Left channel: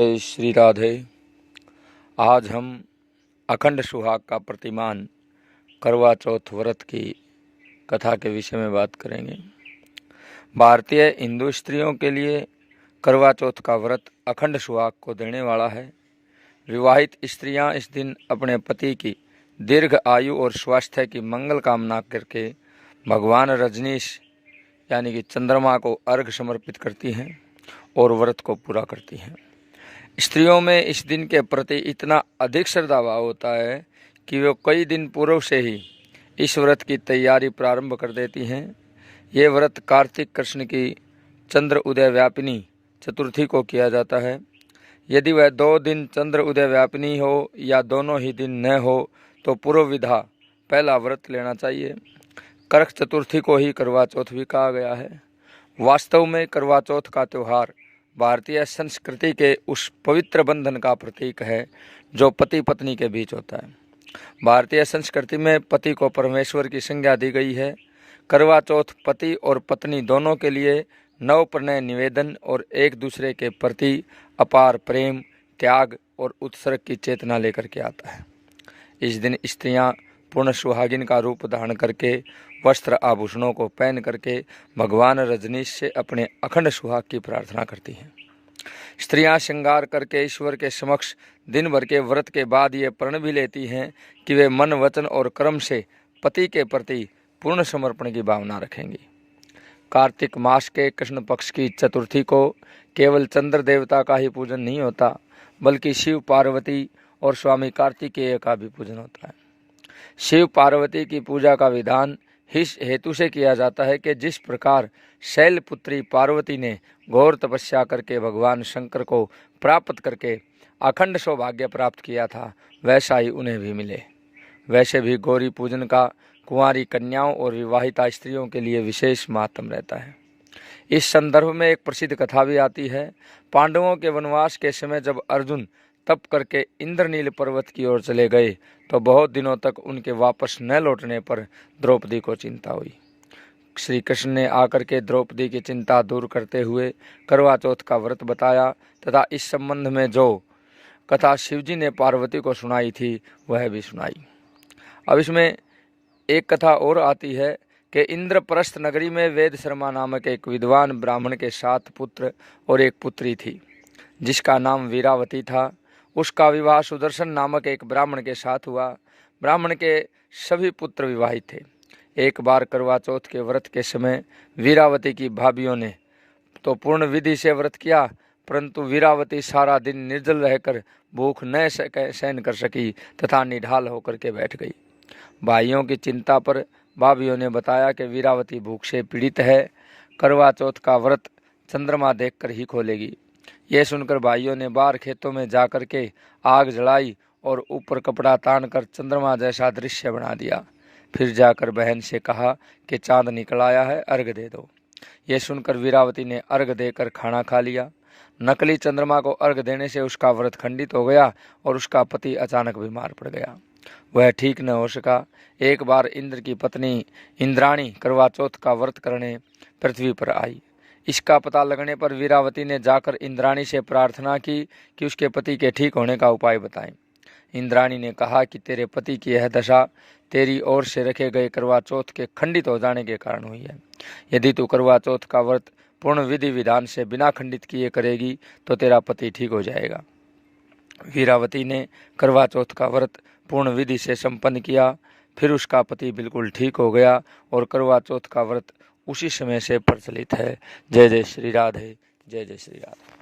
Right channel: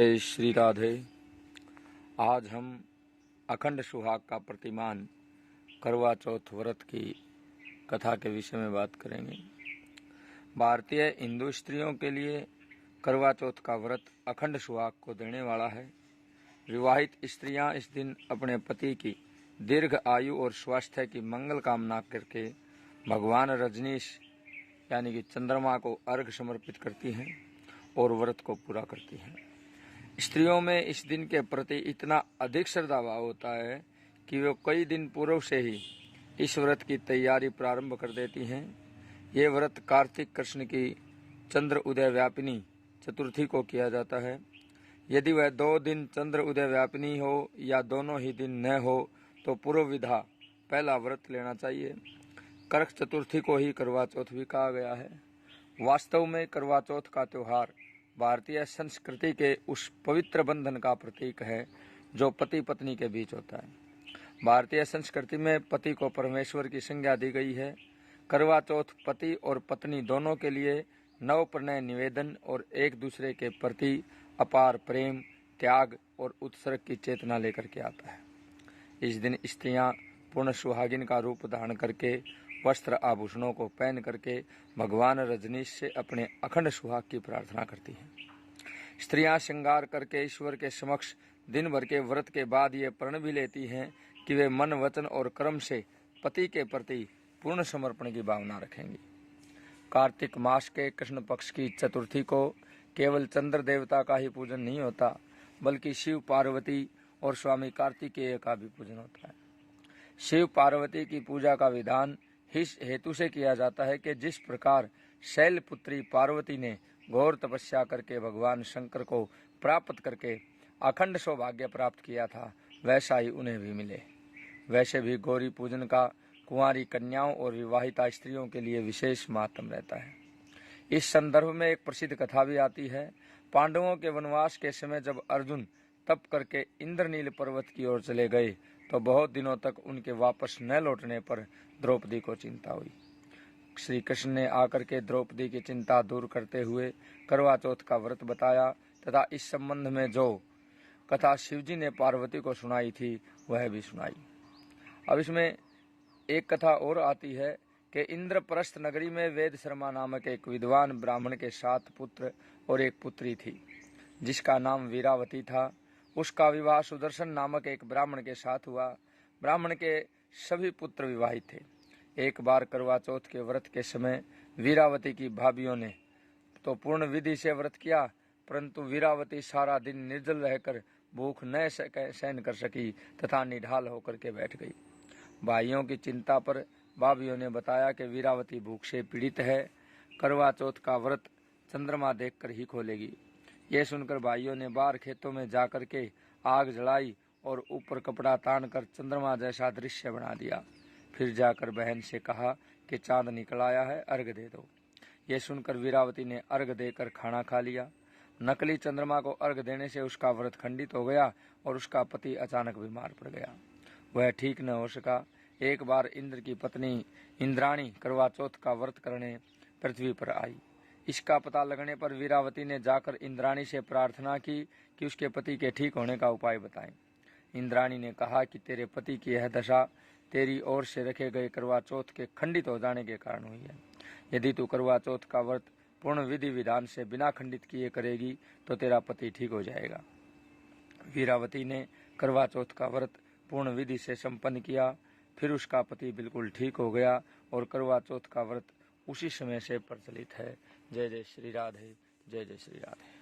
जय श्री राधे। आज हम अखंड सुहाग का प्रतिमान करवा चौथ व्रत की कथा के विषय में बात करेंगे। भारतीय हिंदू स्त्रियों के लिए करवा चौथ का व्रत अखंड सुहाग को देने वाला है। विवाहित स्त्रियां इस दिन अपने पति की दीर्घ आयु और स्वास्थ्य की मंगल कामना करके भगवान रजनीश यानी कि चंद्रमा को अर्घ्य समर्पित करती हैं और व्रत को पूरा करती हैं। स्त्रियों में इस दिन के प्रति इतना अधिक श्रद्धा भाव होता है कि वे कई दिन पूर्व से ही इस व्रत की तैयारी प्रारंभ कर देती हैं। ये व्रत कार्तिक कृष्ण की चंद्र उदय व्यापिनी चतुर्थी को किया जाता है। यदि वह 2 दिन चंद्र उदय व्यापिनी हो या दोनों ही दिन न हो तो पूर्व विधा पहला व्रत लेना चाहिए। करक चतुर्थी को ही करवा चौथ भी कहा गया है। वास्तव में करवा चौथ का त्यौहार भारतीय संस्कृति के उस पवित्र बंधन का प्रतीक है जो पति पत्नी के बीच होता है। भारतीय संस्कृति में पति को परमेश्वर की संज्ञा दी गई है। करवा चौथ पति और पत्नी दोनों के लिए नव प्रणय निवेदन और एक दूसरे के प्रति अपार प्रेम, त्याग और उत्सर्ग की चेतना लेकर के आता है। इस दिन स्त्रियां पूर्ण सुहागिन का रूप धारण करके वस्त्र आभूषणों को पहन करके भगवान रजनीश से अपने अखंड सुहाग की प्रार्थना करती हैं। स्त्रियां श्रृंगार करके ईश्वर के समक्ष दिन भर के व्रत के बाद ये प्रण भी लेती हैं कि वे मन, वचन और कर्म से पति के प्रति पूर्ण समर्पण की भावना रखेंगी। कार्तिक मास के कृष्ण पक्ष की चतुर्थी को केवल चंद्र देवता का ही पूजन नहीं होता, बल्कि शिव, पार्वती और स्वामी कार्तिकेय का भी पूजन होता है। शिव पार्वती की पूजा का विधान इस हेतु से किया जाता है कि जिस प्रकार शैलपुत्री पार्वती ने घोर तपस्या करके भगवान शंकर को प्राप्त करके अखंड सौभाग्य प्राप्त किया था, वैसा ही उन्हें भी मिले। वैसे भी गौरी पूजन का कुंवारी कन्याओं और विवाहिता स्त्रियों के लिए विशेष महत्व रहता है। इस संदर्भ में एक प्रसिद्ध कथा भी आती है। पांडवों के वनवास के समय जब अर्जुन तप करके इंद्रनील पर्वत की ओर चले गए तो बहुत दिनों तक उनके वापस न लौटने पर द्रौपदी को चिंता हुई। श्री कृष्ण ने आकर के द्रौपदी की चिंता दूर करते हुए करवा चौथ का व्रत बताया तथा इस संबंध में जो कथा शिवजी ने पार्वती को सुनाई थी वह भी सुनाई। अब इसमें एक कथा और आती है कि इंद्रप्रस्थ नगरी में वेद शर्मा नामक एक विद्वान ब्राह्मण के 7 पुत्र और एक पुत्री थी जिसका नाम वीरावती था। उसका विवाह सुदर्शन नामक एक ब्राह्मण के साथ हुआ। ब्राह्मण के सभी पुत्र विवाहित थे। एक बार करवा चौथ के व्रत के समय वीरावती की भाभियों ने तो पूर्ण विधि से व्रत किया, परंतु वीरावती सारा दिन निर्जल रहकर भूख न सहन कर सकी तथा निढाल होकर के बैठ गई। भाइयों की चिंता पर भाभियों ने बताया कि वीरावती भूख से पीड़ित है, करवा चौथ का व्रत चंद्रमा देखकर ही खोलेगी। यह सुनकर भाइयों ने बाहर खेतों में जाकर के आग जलाई और ऊपर कपड़ा तान कर चंद्रमा जैसा दृश्य बना दिया। फिर जाकर बहन से कहा कि चांद निकल आया है, अर्घ दे दो। यह सुनकर वीरावती ने अर्घ देकर खाना खा लिया। नकली चंद्रमा को अर्घ देने से उसका व्रत खंडित हो गया और उसका पति अचानक बीमार पड़ गया। वह ठीक न हो सका। एक बार इंद्र की पत्नी इंद्राणी करवा चौथ का व्रत करने पृथ्वी पर आई। इसका पता लगने पर वीरावती ने जाकर इंद्राणी से प्रार्थना की कि उसके पति के ठीक होने का उपाय बताएं। इंद्राणी ने कहा कि तेरे पति की यह दशा तेरी ओर से रखे गए करवा चौथ के खंडित हो जाने के कारण हुई है। यदि तू करवा चौथ का व्रत पूर्ण विधि विधान से बिना खंडित किए करेगी तो तेरा पति ठीक हो जाएगा। वीरावती ने करवा चौथ का व्रत पूर्ण विधि से संपन्न किया। फिर उसका पति बिल्कुल ठीक हो गया और करवा चौथ का व्रत उसी समय से प्रचलित है। जय जय श्री राधे, जय जय श्री राधे।